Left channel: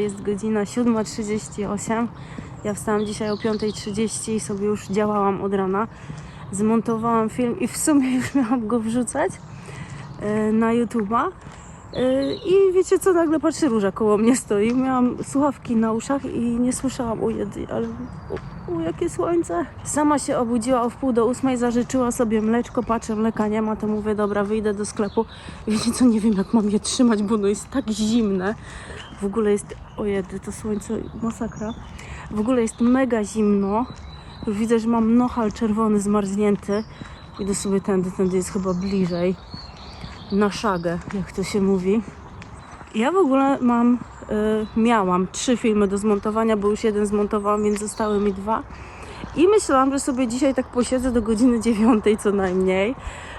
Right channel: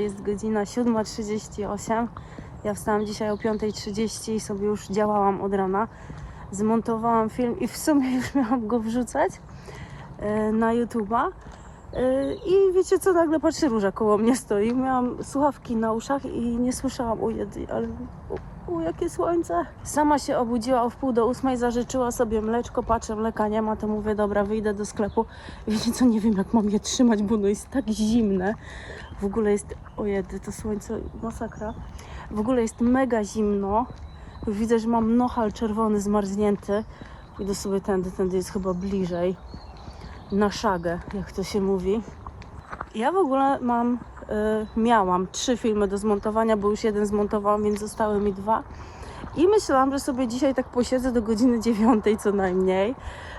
Jest godzina 7.38. Ja wstałam dzisiaj o 5.30 i sobie już działałam od rana. Zmontowałam film i w sumie już miałam go wrzucać e, na YouTube'a. E, I wiecie co, nagle patrzę, róża koło mnie stoi. Miałam słuchawki na uszach i nie słyszałam, o jedy, ale o jakie słońce. Sama się obudziła o wpół do ósmej, zażyczyła sobie mleczko, patrzę, mleka nie ma, to mówię, dobra, wyjdę do sklepu. Wiecie co, nie wiem jak mam je trzymać, bo ono jest tak zimne. W ogóle jest, o jedy, to słońce, masakra. W ogóle jest mega zimno. Już widzę, że mam nohal czerwony, zmarznięty. Idę sobie tędy, tędy jest chyba bliżej. Na szagę, jak to się mówi. Ja w ogóle mam, y, miałam trzy filmy do zmontowania, bo już jeden zmontowałam, więc zostały mi dwa. I myślałam, że sobie dzisiaj tak posiedzę do godziny dziewiątej co najmniej,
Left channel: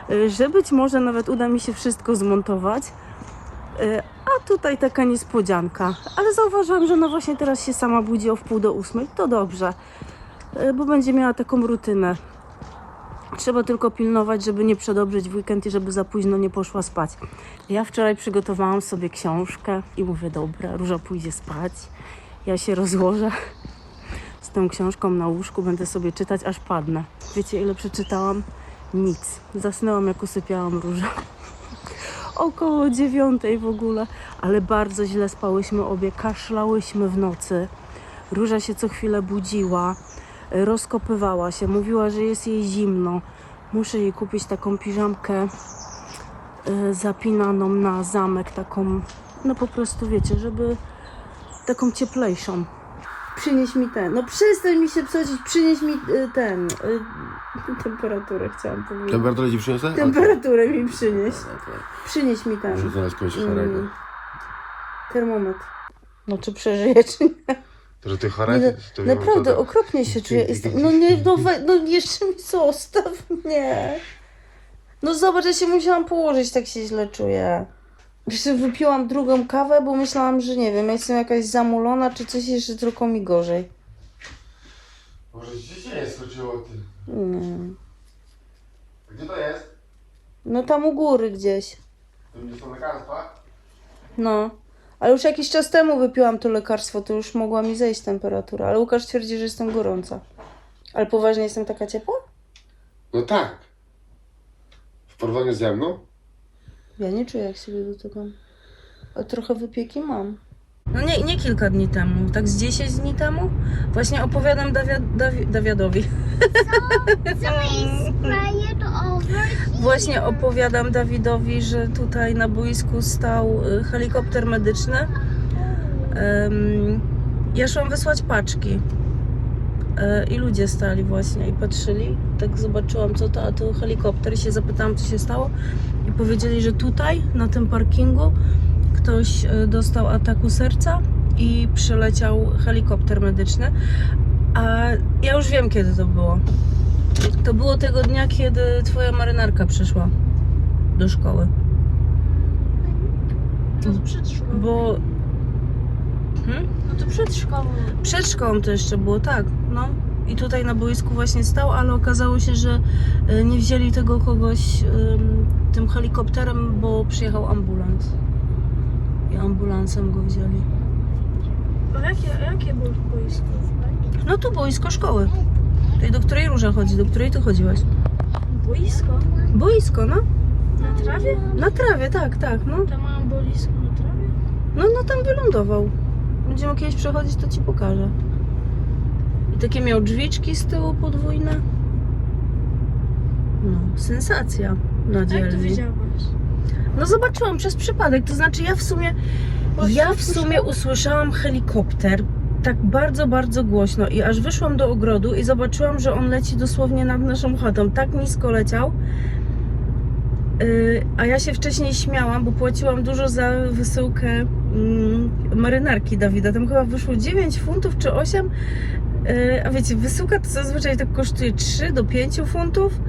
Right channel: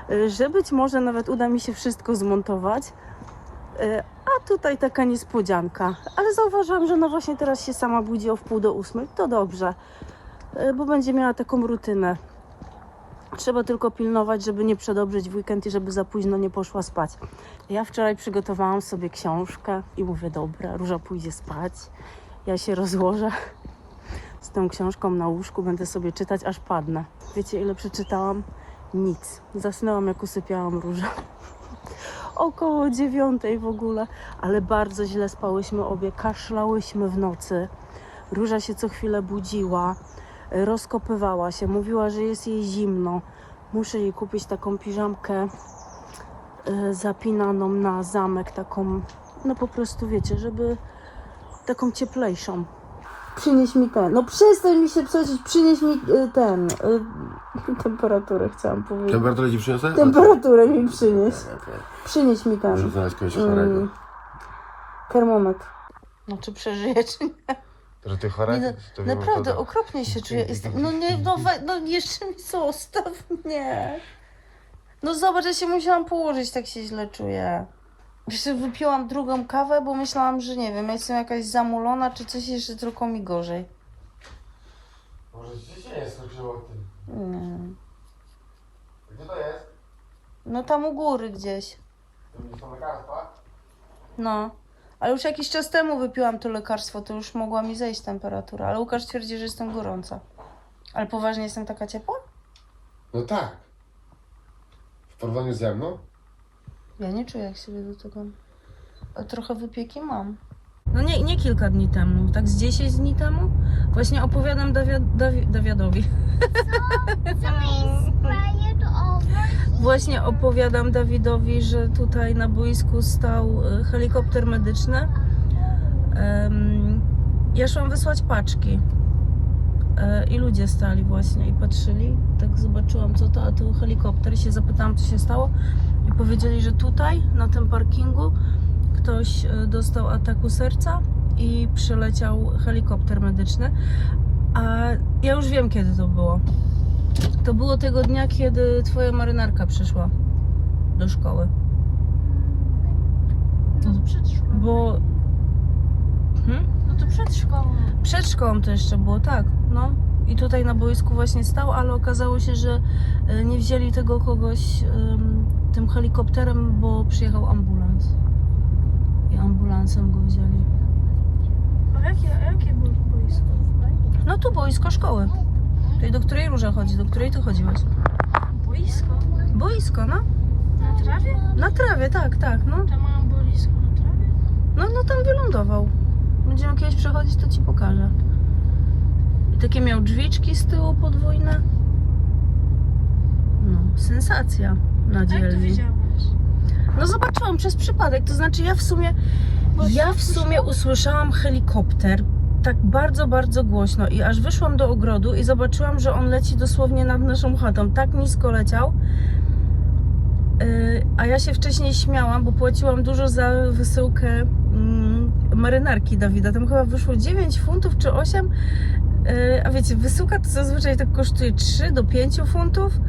y, że być może nawet uda mi się wszystko zmontować. Y, A tutaj taka niespodzianka. Ale zauważyłam, że no właśnie teraz się sama budzi o wpół do ósmej. To dobrze, y, bo będzie miała taką rutynę. Trzeba tylko pilnować, żeby nie przedobrzyć w weekend i żeby za późno nie poszła spać. Ja wczoraj przygotowałam sobie książkę i mówię, dobra, Róża pójdzie spać. Ja się rozłożę z tą książką na łóżku, będę sobie czytać, aż padnę. Wiecie, ile przeczytałam? Nic. Zasnęłam, jak usypiałam Różę. Około dziewiątej w ogóle, ale bardzo źle spałyśmy obie, kaszlałyśmy w nocy. Róża się co chwilę budziła, rozkopywała się, mówiła, że jest jej zimno. Muszę jej kupić taką piżamkę y, zapinaną na zamek, taką, no po prostu wiecie, żeby taką cieplejszą. Przynieś mi ten, no przestań mi się przecież, przynieś mi y, ten, y, temperaturę chciałam powiedzieć. Temperaturę ci przyniosę? Temperaturę mi przynieś. Przynieś mi ten. Muszę znaleźć kogoś chorego. Mm, termometr. No czy przeżyje, czy nie? Że ty chora nie? To wiem, naprawdę, to- okropnie się czuję. Jestem, no nie, no, we, no jeszcze mi zostaw, nie. No zobacz, ja się musiałam położyć, tak się źle czuję. Jeszcze wypiłam drugą kawę, bo myślałam, że nie wiem, jestem jakaś zamulona, czy coś jeszcze tylko mi gorzej. Może się nie skoczyło ty. Nie. Gdzie to jest? No tam u góry gdzieś. To gdzie są lekarstwa? No. Ale już jakiś czas temu wypiłam to lekarstwo, to już mogła mi zejść temperatura. Ale Łukasz twierdzi, że jestem gorąca. Ale poważnie jestem taka ciepła? No tak. W porównaniu ze mną? Ja nie czuję, jak siebie dotykam. A trochę wypieki mam. No nie, nie kilka dni temu, tak z 10 dni temu. Właśnie opowiadam Dawia, Dawi, Dawiadowi. Właśnie opowiadam Dawidowi, że tutaj na boisku stał y, helikopter medyczny. Em, ja szłam wysłać paczki. E, I ludzie stali właśnie i patrzyli. Tak zobaczyłam co to, a tu helikopter i się zapytałam co się stało. I powiedzieli, że tutaj na tym parkingu ktoś e, dostał ataku serca i przyleciał helikopter medyczny. A ja już wiem kiedy to było. To było tego dnia, kiedy twoja marynarka przyszła do szkoły. No to przed szkołą. Bo hmm? No to przed szkołą. przed szkołą to jeszcze było, tak, no. I tutaj na boisku właśnie stał, ale okazało się, że e, nie wzięli tego kogoś tym helikopterem, bo przyjechał ambulans. I ambulansem go wzięli. A jakie, jakie było boisko? No tu boisko szkoły. Tej, do której Róża chodzi, do której ty chodziłaś. Boisko? Boisko, no. Na trawie? Na trawie, tak, tak, no. Tam mają boisko na trawie? No, no tam wylądował. Będziemy kiedyś przechodzić, to ci pokażę. Takie miał drzwiczki z tyłu podwójne. No, sensacja na Jak to dzielni. wiedziałaś? No zobaczyłam przez przypadek, to znaczy ja w sumie ja w sumie słyszałam? usłyszałam helikopter tak bardzo, bardzo głośno i aż wyszłam do ogrodu i zobaczyłam, że on leci dosłownie nad naszą chatą. Tak nisko leciał. Yy, a ja się wcześniej śmiałam, bo płaciłam dużo za wysyłkę mm, marynarki Dawida. Tam chyba wyszło 9 funtów czy 8. Yy, a wiecie, wysyłka to zazwyczaj tak kosztuje 3 do 5 funtów.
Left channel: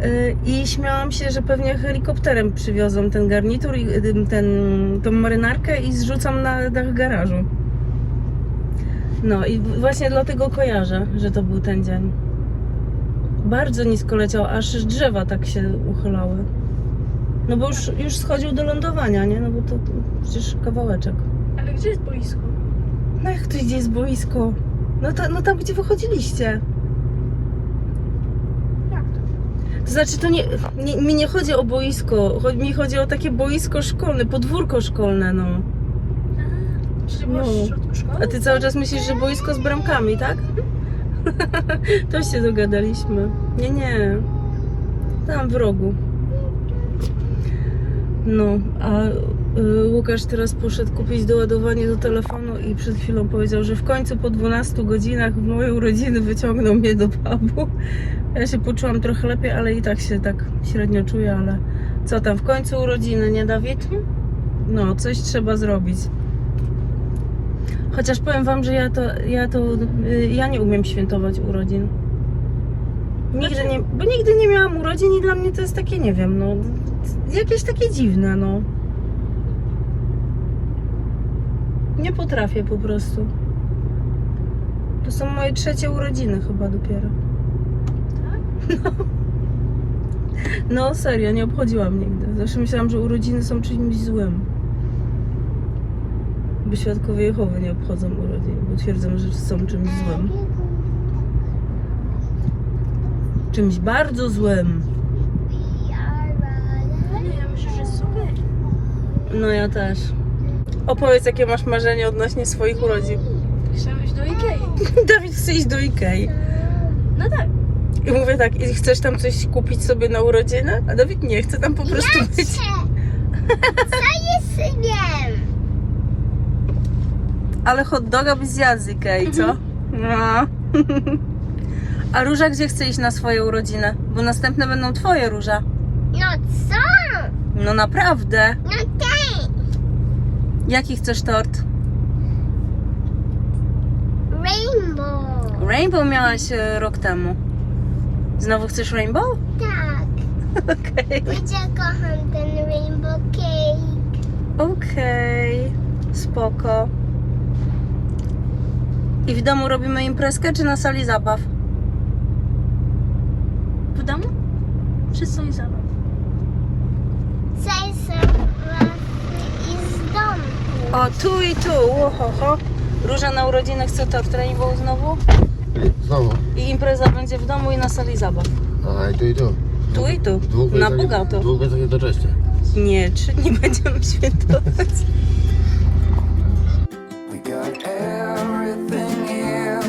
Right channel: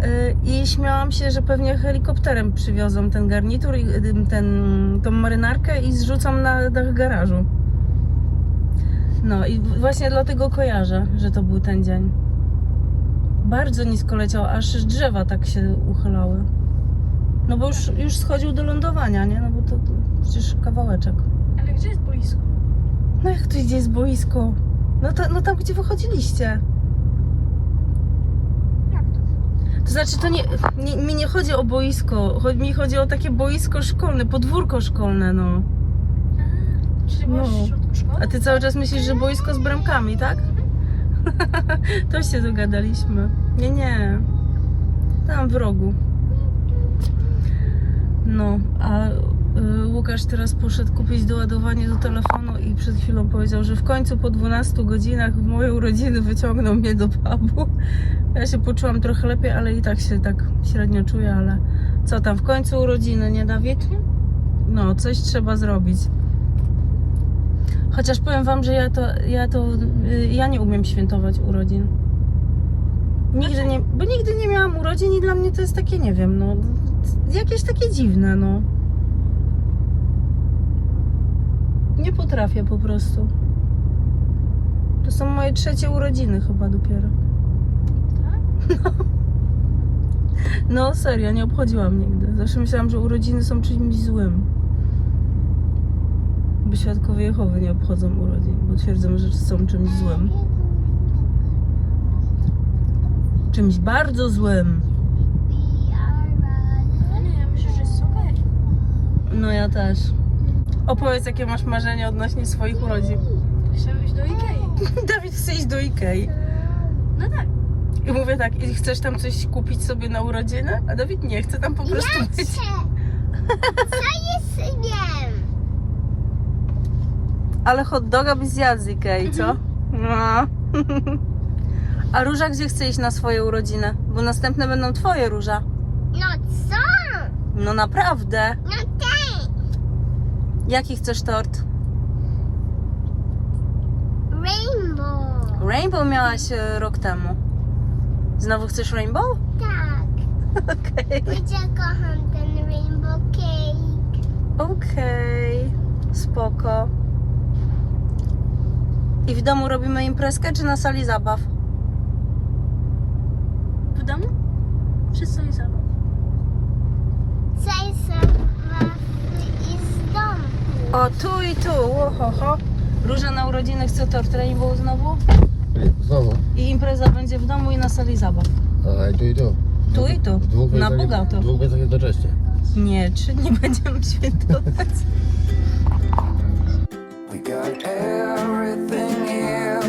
Yy, I śmiałam się, że pewnie helikopterem przywiozą ten garnitur, i, y, ten, tą marynarkę i zrzucam na dach garażu. No i właśnie dlatego kojarzę, że to był ten dzień. Bardzo nisko leciał, aż drzewa tak się uchylały. No bo już, już schodził do lądowania, nie? No bo to, to przecież kawałeczek. Ale gdzie jest boisko? No jak to gdzie jest boisko? No, no tam, gdzie wychodziliście. Jak to? To znaczy, to nie, nie, mi nie chodzi o boisko, chodzi, mi chodzi o takie boisko szkolne, podwórko szkolne, no. Czyli No. w środku szkoły? A ty cały czas myślisz, że boisko z bramkami, tak? to się dogadaliśmy. Nie, nie. Tam w rogu. No, a Łukasz teraz poszedł kupić doładowanie do telefonu i przed chwilą powiedział, że w końcu po 12 godzinach w mojej urodziny wyciągnął mnie do pubu. Ja się poczułam trochę lepiej, ale i tak się tak średnio czuję, ale co tam, w końcu urodziny, nie Dawid? No, coś trzeba zrobić. Chociaż powiem wam, że ja to, ja to, y, ja nie umiem świętować urodzin. Nigdy nie, bo nigdy nie miałam urodzin i dla mnie to jest takie, nie wiem, no, jakieś takie dziwne, no. Nie potrafię po prostu. To są moje trzecie urodziny chyba dopiero. No. No serio, nie obchodziłam nigdy. Zawsze myślałam, że urodziny są czymś złym. Bo świadkowie Jehowy nie obchodzą urodzin, bo twierdzą, że są czymś złym. Czymś bardzo złym. No nie, ja myślę, że jest okej. No ja też. Opowiedz, jakie masz marzenie odnośnie swoich urodzin. Chciałam iść do Ikei. Dawid chce iść do Ikei. No tak. I mówię tak, i chcesz tam coś kupić sobie na urodziny? A Dawid nie, chce tam po prostu być. Co jest synem? Ale hot doga byś zjadł z Ikei, co? No. A Róża gdzie chce iść na swoje urodziny? Bo następne będą twoje, Róża. No co? No naprawdę. No ten. Jaki chcesz tort? Rainbow. Rainbow miałaś e, rok temu. Znowu chcesz rainbow? Tak. Okej. Ja kocham ten rainbow cake. Okej. Spoko. I w domu robimy imprezkę, czy na sali zabaw? W domu? Wszyscy są zabaw. Chcę sobie i z domu. O, tu i tu. Ohoho. Róża na urodziny chce tort rainbow znowu. Znowu. I impreza będzie w domu i na sali zabaw. A i tu i tu. Tu i tu. Dwóch Na godzin- bogato. Dwóch godzin jednocześnie. Nie, trzy dni będziemy świętować. We got everything here,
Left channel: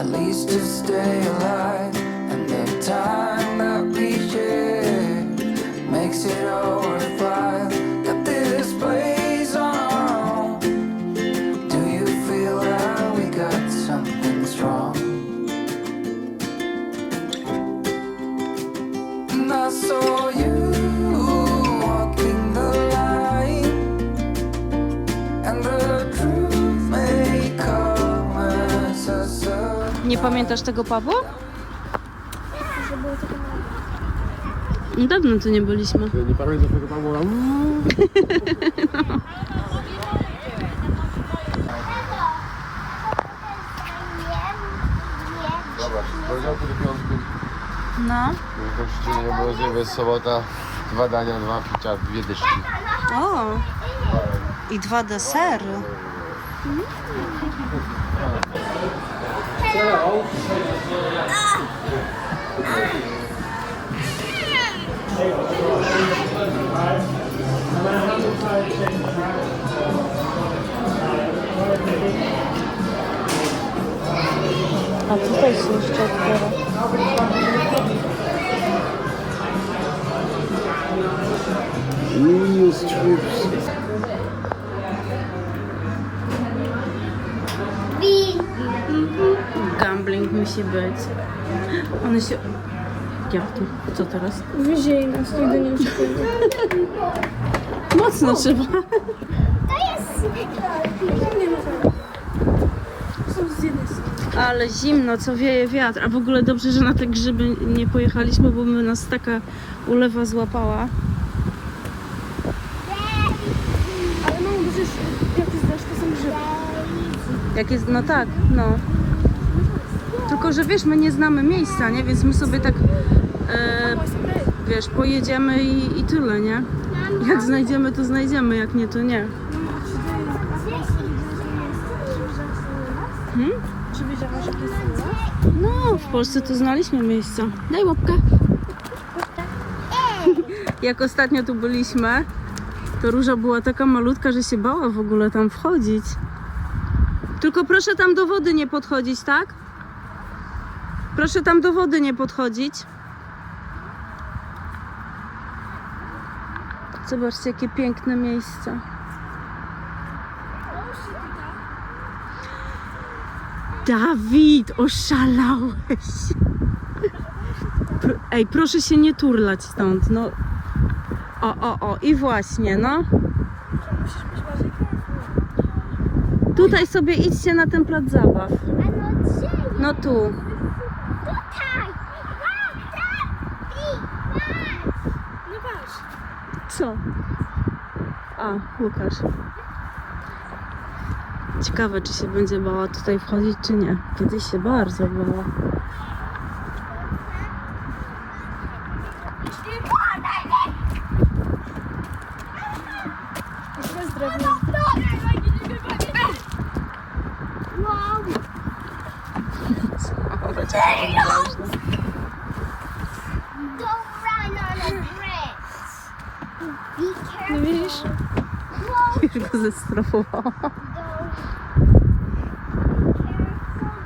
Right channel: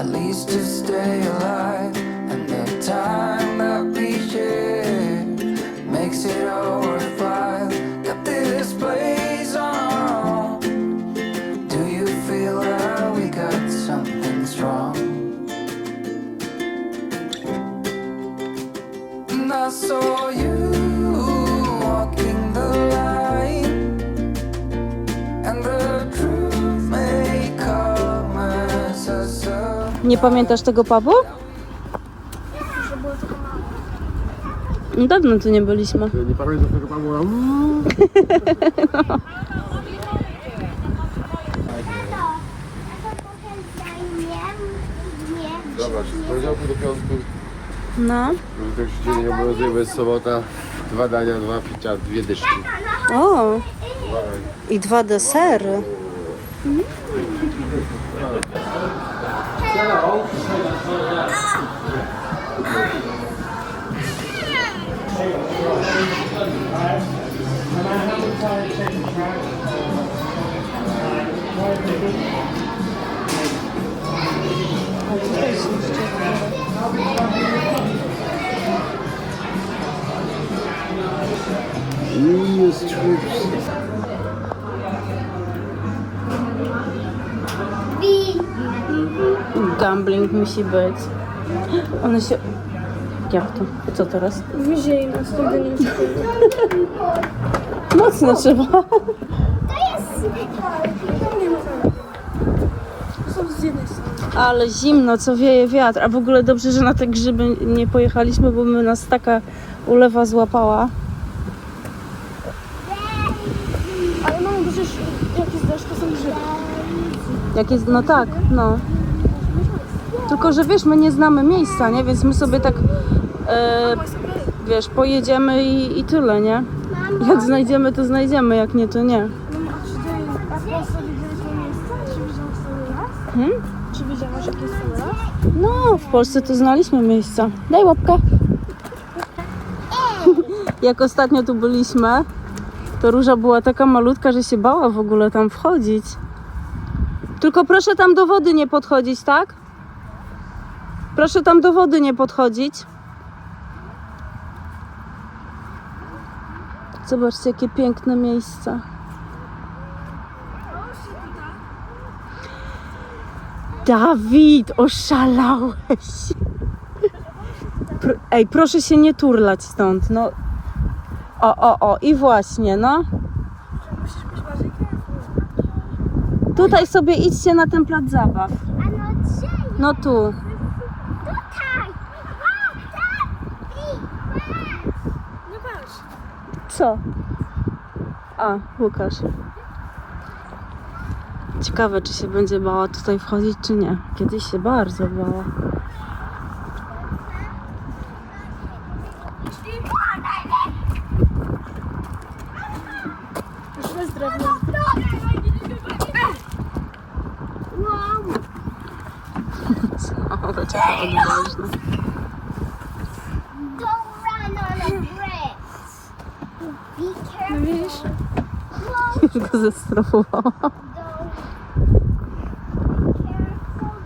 at least to stay alive. And the time that we share makes it all worthwhile. Nie pamiętasz tego pubu? Dawno tu nie byliśmy. Nie pamiętasz tego Pawła? Dobra, poniedziałku do piątku. No. Wielkości dzień jest sobota. Dwa dania, dwa picia, dwie dyszki. O. I dwa desery. A tutaj się jeszcze. Musi być. One się... Jak to? Co teraz? Wzięli nas, nigdy nie uciekli. Mocno trzeba. To jest. Ale zimno, co wieje wiatr. A w ogóle dobrze, że na te grzyby nie pojechaliśmy, bo by nas taka ulewa złapała. Ale mam przecież jakieś deszcz, to są grzyby. Jak jest, no tak, no. Tylko, że wiesz, my nie znamy miejsca, nie? Więc my sobie tak, e, wiesz, pojedziemy i, i tyle, nie? Jak znajdziemy, to znajdziemy, jak nie, to nie. A czy wiedziałaś? No, w Polsce to znaliśmy miejsca. Daj łapkę. Jak ostatnio tu byliśmy, to róża była taka malutka, że się bała w ogóle tam wchodzić. Tylko proszę tam do wody nie podchodzić, tak? Proszę tam do wody nie podchodzić. Zobaczcie, jakie piękne miejsca. Dawid, oszalałeś. Ej, proszę się nie turlać stąd, no. O, o, o, i właśnie, no. Tutaj sobie idźcie na ten plac zabaw. No tu. No patrz. Co? A, Łukasz. Ciekawe, czy się będzie bała tutaj wchodzić, czy nie. Kiedyś się bardzo bała. Zestrofowała.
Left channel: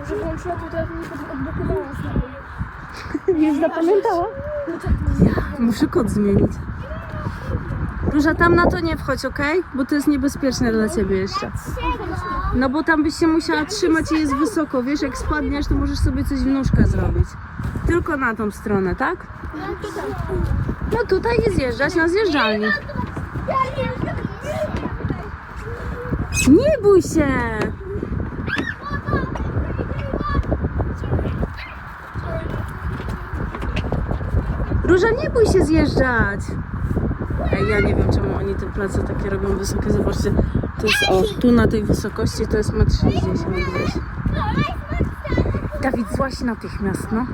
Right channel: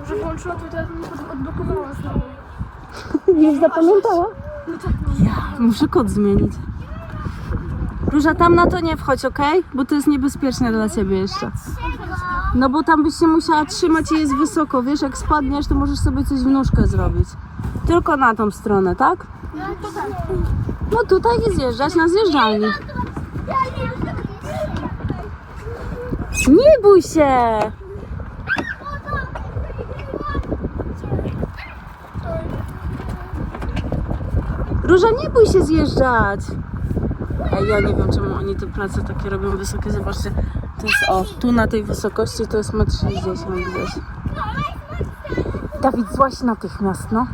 Że włączyła to teraz nie zapamiętała? Ja muszę kod zmienić. Róża, tam na to nie wchodź, ok? Bo to jest niebezpieczne dla ciebie jeszcze. No bo tam byś się musiała trzymać i jest wysoko. Wiesz, jak spadniesz, to możesz sobie coś w nóżkę zrobić. Tylko na tą stronę, tak? No tutaj nie zjeżdżać na zjeżdżalni. Nie bój się! Róża, nie bój się zjeżdżać! Ej, ja nie wiem, czemu oni te place takie robią wysokie. Zobaczcie, to jest o, tu na tej wysokości to jest 1,60 m gdzieś. Dawid, złaś natychmiast, no.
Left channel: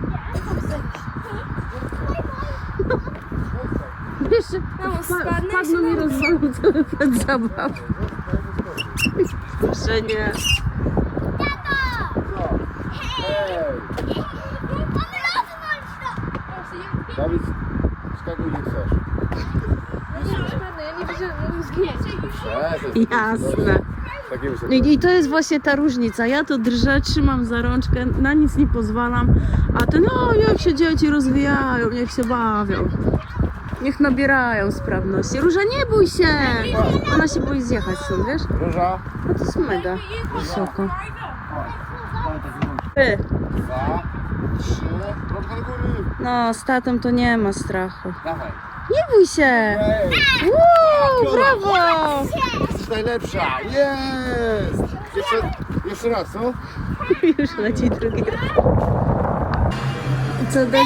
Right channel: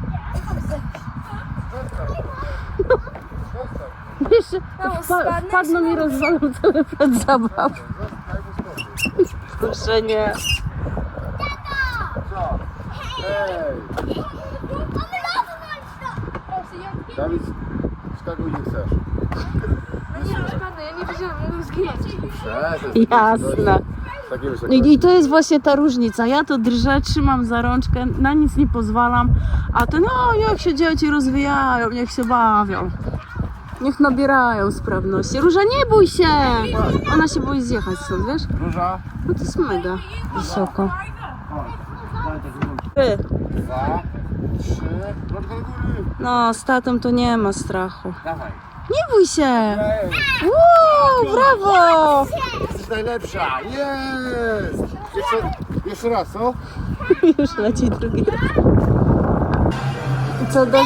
Wiesz, wpa- wpadną i rozwalą cały plac zabaw. Że nie. Dawid, skakuj nie chcesz. Przestań. Jasne. I, I to jest właśnie ta różnica. Ja to drżę, trzymam za rączkę, na nic nie pozwalam, a to no, niech się dzieci rozwijają, niech się bawią. Niech nabierają sprawności. Róża, nie bój się! Ona się boi zjechać stąd, wiesz? Róża. No to jest mega wysoko. Ty. Dwa, trzy. Rączka do góry. No, z tatą to nie ma strachu. Dawaj. Nie bój się! Wow, brawo! jesteś najlepsza. Jest. Jeszcze, jeszcze raz, co? Już leci drugi. I co, de-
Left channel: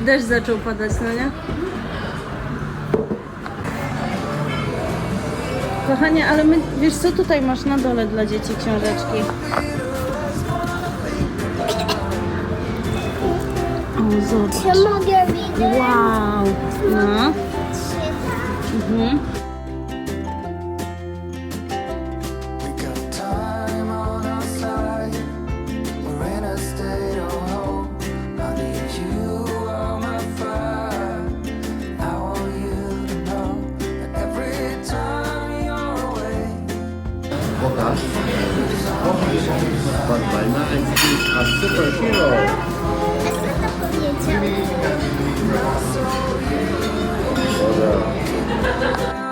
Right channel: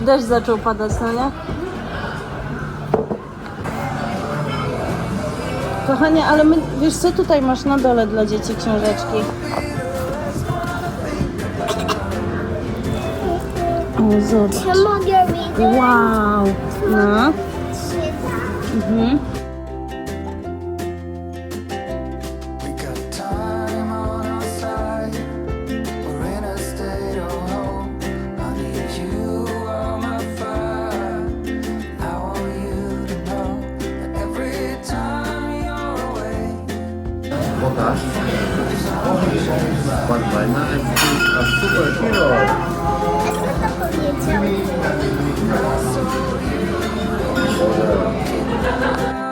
deszcz zaczął padać, no nie? Kochanie, ale my, wiesz co tutaj masz na dole dla dzieci książeczki? O, zobacz. Ja mogę widzieć. Wow. No. Mhm. Superhero. A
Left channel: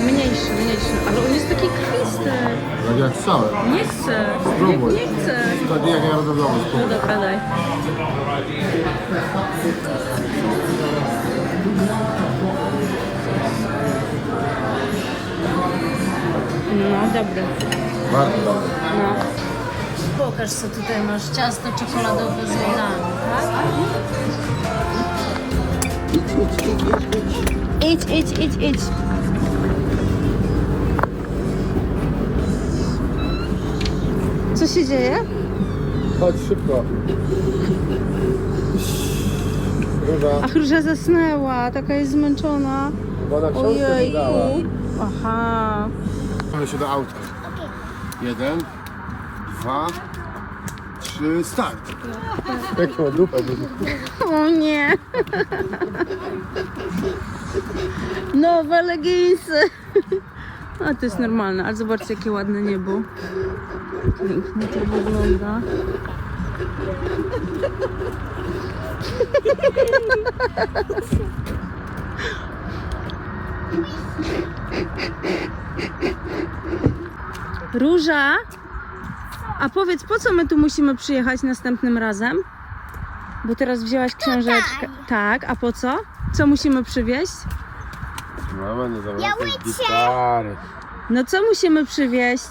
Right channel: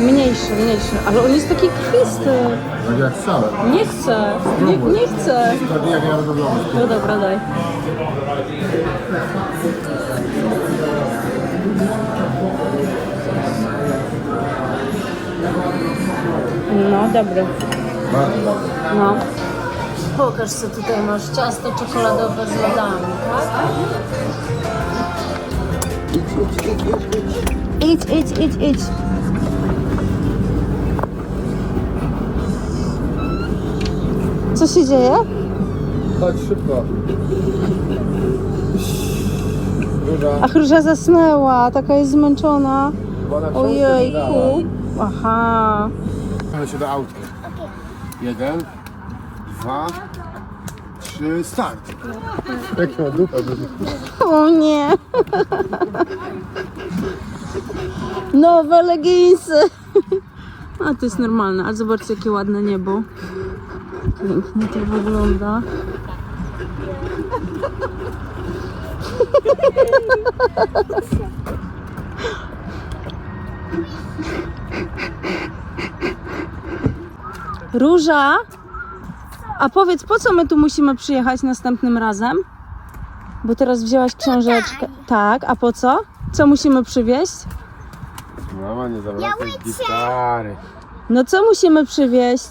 najszczelniejszy, ale on jest taki krwisty. Tak jak cały. Nie chcę, nie, nie chcę. Tak jak ja robię. No dobra, daj. No, dobry. Bardzo dobry. No. Pokaż, co tutaj masz. Ciasto czekoladowe z lodami, tak? Idź, idź, idź, idź. Się dzieje? Chodź szybko. Chyba, Ach, Róża zasnęła, taka jest zmęczona. Ojejku. Aha. Ale się do auta. Jeden, dwa, trzy, start. Jak ma dupę. O nie. Nowe leginsy. A to jest normalne, ale zobaczcie jakie ładne niebo. Pięknie to wygląda. Róża, a powiedz, po co my tu musimy przyjechać następnym razem? Bo teraz wzięłaś książeczkę. Tak, a po co? Co musimy przywieźć? Mama nie zabrała Ja tej gitary. No co musimy przywieźć?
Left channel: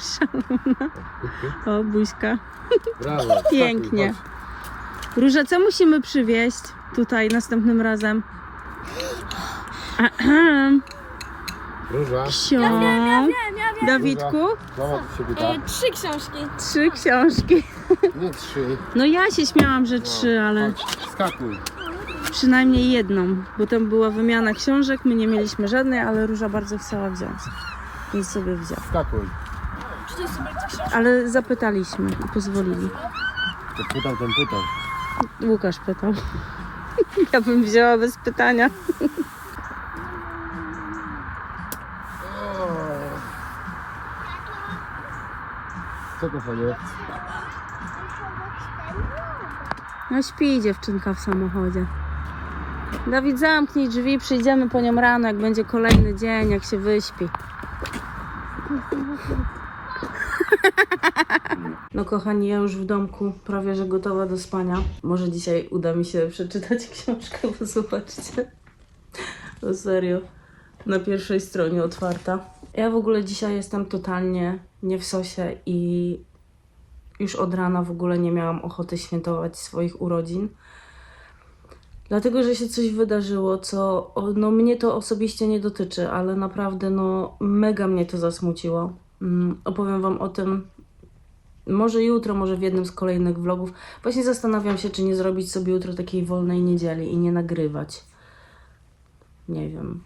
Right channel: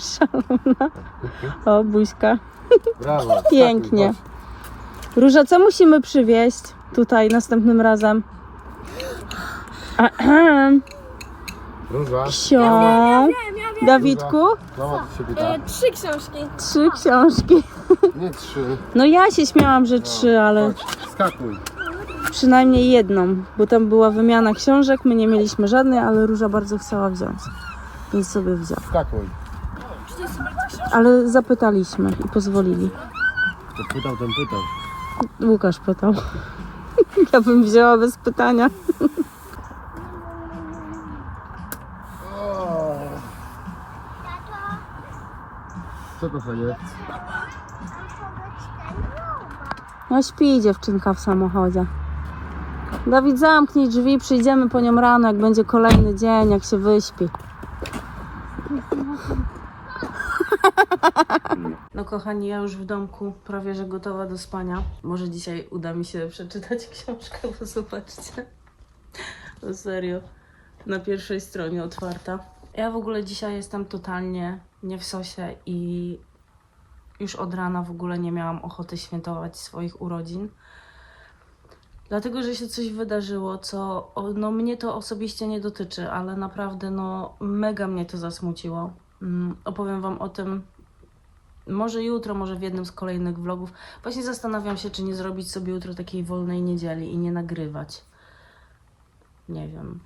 Szalona. O, buźka. Brawo. Pięknie. Róża, co musimy przywieźć tutaj następnym razem? Ahem. Róża. Ksio. Dawidku, gitara. E, trzy książki. trzy książki. Nie trzy. No ja się śmiałam, że trzy, ale Chodź, skakuj. przynajmniej jedną, bo tam była wymiana książek, my nie mieliśmy żadnej, ale Róża bardzo chciała wziąć. I sobie. Skakuj. Ale zapytaliśmy i pozwolili. To pytał, ten pytał. Łukasz pytał. Ja bym wzięła bez pytania. Co to sobie? No śpi dziewczynka w samochodzie. Dawid, zamknij drzwi, przyjdziemy po nią rano, jak będzie kolejny dzień, jak się wyśpi. No kochani, ja już w domku, prawie że gotowa do spania. Może dzisiaj uda mi się przeczytać książkę, bo zobaczcie. To serio. Na pierwszej stronie otwarta. Ja w ogóle dzisiaj jestem totalnie nie w sosie i już od rana w ogóle nie miałam ochoty świętować swoich urodzin. Dlatego, że się coś wydarzyło, co no, mnie to osobiście nie dotyczy, ale naprawdę no, mega mnie to zasmuciło. Mm, opowiem Wam o tym może jutro, może w jednym z kolejnych vlogów. Właśnie zastanawiam się, czy nie zrobić sobie jutro takiej wolnej niedzieli i nie nagrywać. Nie wiem.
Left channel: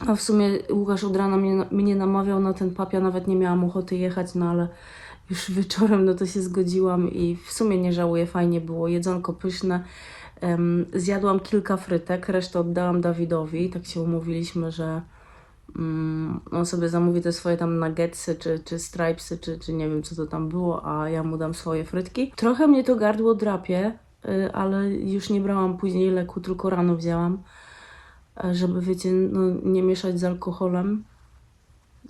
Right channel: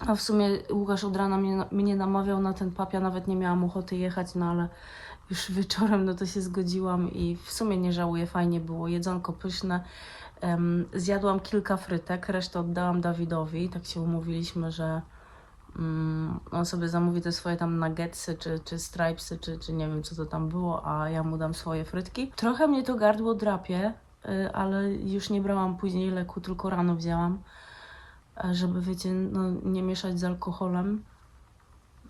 A w sumie Łukasz od rana mnie, mnie namawiał na ten pap, ja nawet nie miałam ochoty jechać, no ale już wieczorem no to się zgodziłam i w sumie nie żałuję, fajnie było, jedzonko pyszne. Em, zjadłam kilka frytek, resztę oddałam Dawidowi, tak się umówiliśmy, że on sobie zamówi te swoje tam nuggetsy, czy, czy stripesy, czy, czy nie wiem co to tam było, a ja mu dam swoje frytki. Trochę mnie to gardło drapie, y, ale już nie brałam później leku, tylko rano wzięłam, e, żeby wiecie, no, nie mieszać z alkoholem.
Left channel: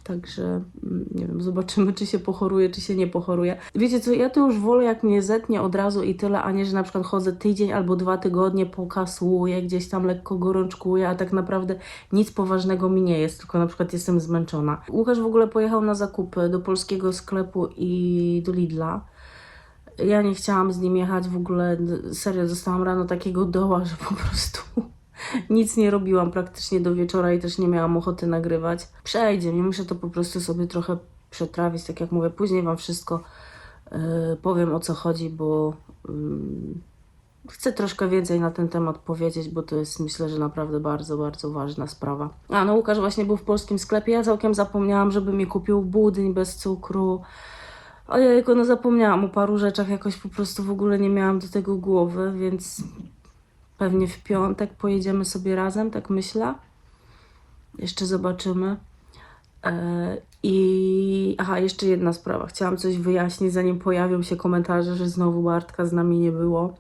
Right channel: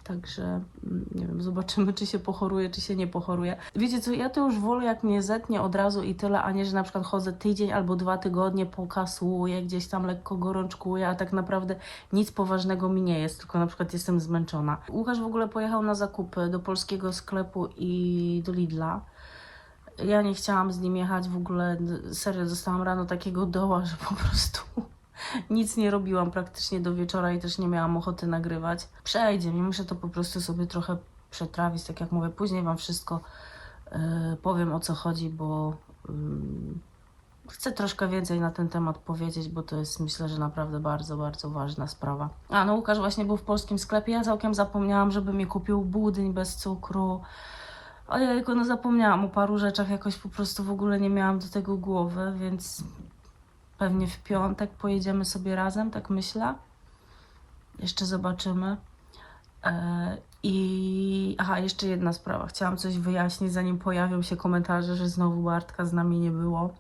Także mm, nie wiem, zobaczymy, czy się pochoruje, czy się nie pochoruje. Wiecie co, ja to już wolę, jak mnie zetnie od razu i tyle, a nie, że na przykład chodzę tydzień albo dwa tygodnie, pokasuję, gdzieś tam lekko gorączkuję, a tak naprawdę nic poważnego mi nie jest, tylko na przykład jestem zmęczona. Łukasz w ogóle pojechał na zakupy do polskiego sklepu i do Lidla. Ja nie chciałam z nim jechać w ogóle, serio, dostałam rano takiego doła, że po prostu nic nie robiłam praktycznie do wieczora i też nie miałam ochoty nagrywać. Przejdzie mi, muszę to po prostu sobie trochę przetrawić, tak jak mówię, później Wam wszystko yy, powiem o co chodzi, bo mm, chcę troszkę więcej na ten temat powiedzieć, bo to jest myślę, że naprawdę bardzo, bardzo ważna sprawa. A no Łukasz właśnie był w polskim sklepie, ja całkiem zapomniałam, żeby mi kupił budyń bez cukru. Ojejku, no zapomniałam o paru rzeczach, jakoś po prostu w ogóle nie miałam do tego głowy, więc pewnie w piątek pojedziemy sobie razem, tak myślę. Jeszcze zobaczymy. E, I aha, jeszcze jedna sprawa. Chciałam coś wyjaśnić, zanim pojawią się komentarze, że znowu Bartka z nami nie było.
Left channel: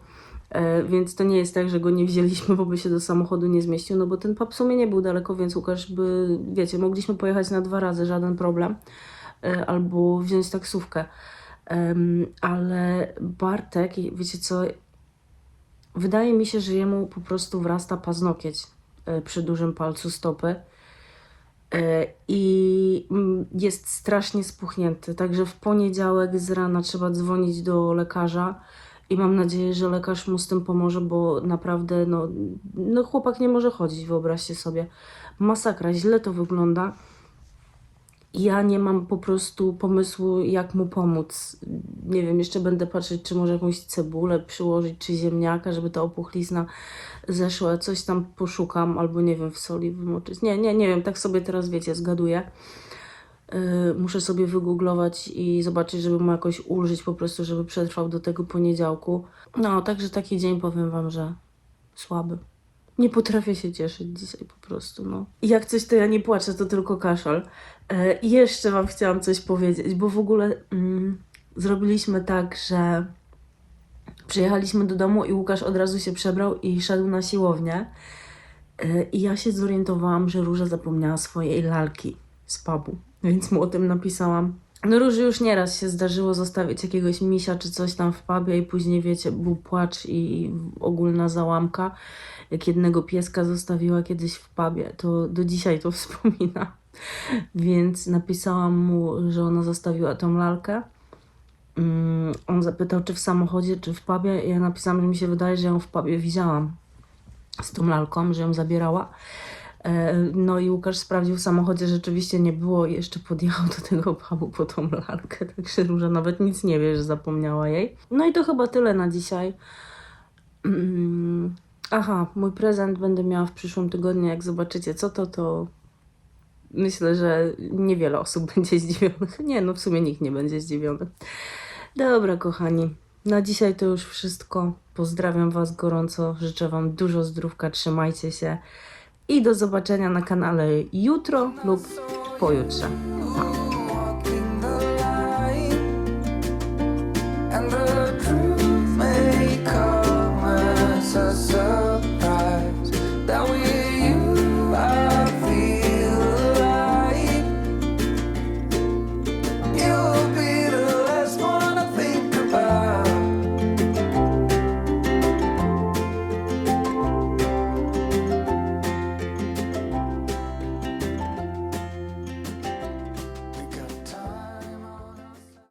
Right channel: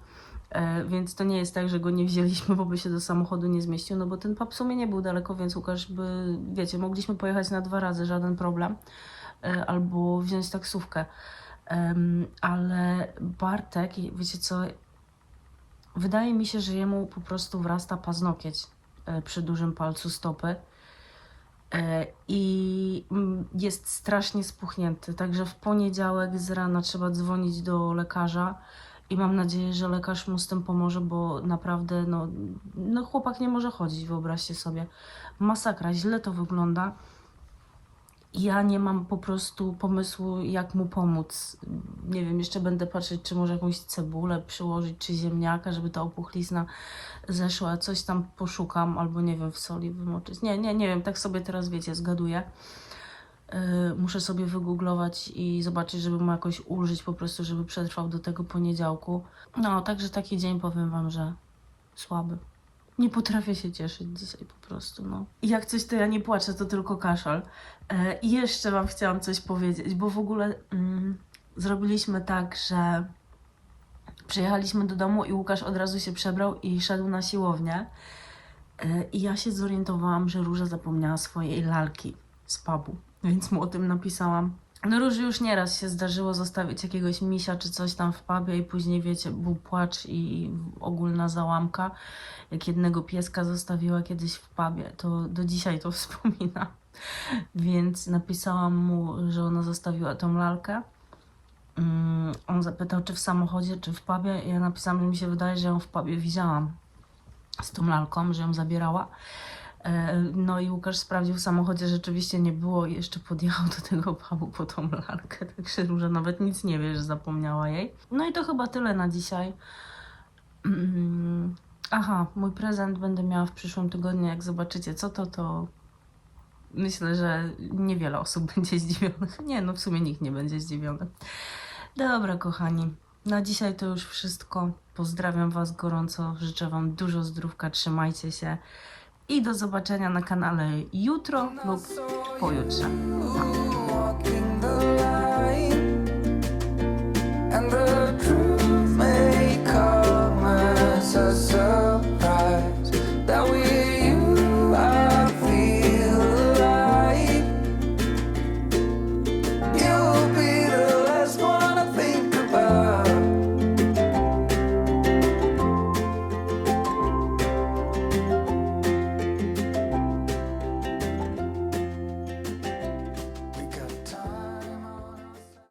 E, więc to nie jest tak, że go nie wzięliśmy, bo by się do samochodu nie zmieścił, no bo ten pub w sumie nie był daleko, więc Łukasz by, wiecie, mogliśmy pojechać na dwa razy, żaden problem, e, albo wziąć taksówkę. Ale Bartek, wiecie co, wydaje mi się, że jemu po prostu wrasta paznokieć e, przy dużym palcu stopy e, i mm, jest strasznie spuchnięty. Także w poniedziałek z rana trzeba dzwonić do lekarza i mam nadzieję, że lekarz mu z tym pomoże, bo naprawdę no, no chłopak nie może chodzić, wyobraźcie sobie. Masakra, źle to wygląda. Ja nie mam po prostu pomysłu, jak mu pomóc. Nie wiem, jeszcze będę patrzeć, czy może jakąś cebulę przyłożyć, czy ziemniaka, żeby ta opuchlizna zeszła. Coś tam poszukam, albo nie wiem, w soli wymoczyć. Nie, nie, nie wiem, tak sobie teraz, wiecie, zgaduję. Yy, muszę sobie wygooglować i zobaczyć, żeby mu jakoś ulżyć po prostu, żeby przetrwał do tego poniedziałku. No, także taki dzień powiem Wam, że słaby. Nie potrafię się cieszyć dzisiaj po prostu, no. I jak coś, to ja nie płaczę, to tylko kaszal. E, I jeszcze Wam chciałam coś powiedzieć, bo w ogóle mm, zrobiliśmy tak, że przyjechaliśmy do domu i Łukasz od razu się przebrał i szedł na siłownię. E, I ja się zorientowałam, że Róża zapomniała swojej lalki z pubu, więc mu o tym napisałam. No Róży już nieraz się zdarzyło zostawić jakiegoś misia czy coś tam w pubie i później, wiecie, był płacz i ogólna załamka. Jak jednego pieska zostawiła kiedyś w pubie, to do dzisiaj to wspomina. Więc napisałam mu, że ona zostawiła tą lalkę. Mm, On zapytał, czy w samochodzie, czy w pubie. Ja napisałam, że mi się wydaje, że ją w pubie widziałam z tą lalką, że ją zabierała. E, No i Łukasz sprawdził w samochodzie, rzeczywiście nie było i jeszcze podjechał do tego pubu po tą lalkę. Także Róża nawet nic nie wie, że zapomniała jej. No i to chyba tyle na dzisiaj. Mm, Aha, mój prezent będę miała w przyszłym tygodniu. Jak zobaczycie co to, to myślę, że niewiele osób będzie zdziwionych. Nie, no w sumie nikt nie będzie zdziwiony. Dobra, kochani, na dzisiaj to już wszystko. Pozdrawiam Was gorąco, życzę Wam dużo zdrówka, trzymajcie się i do zobaczenia na kanale jutro lub pojutrze. and the truth may come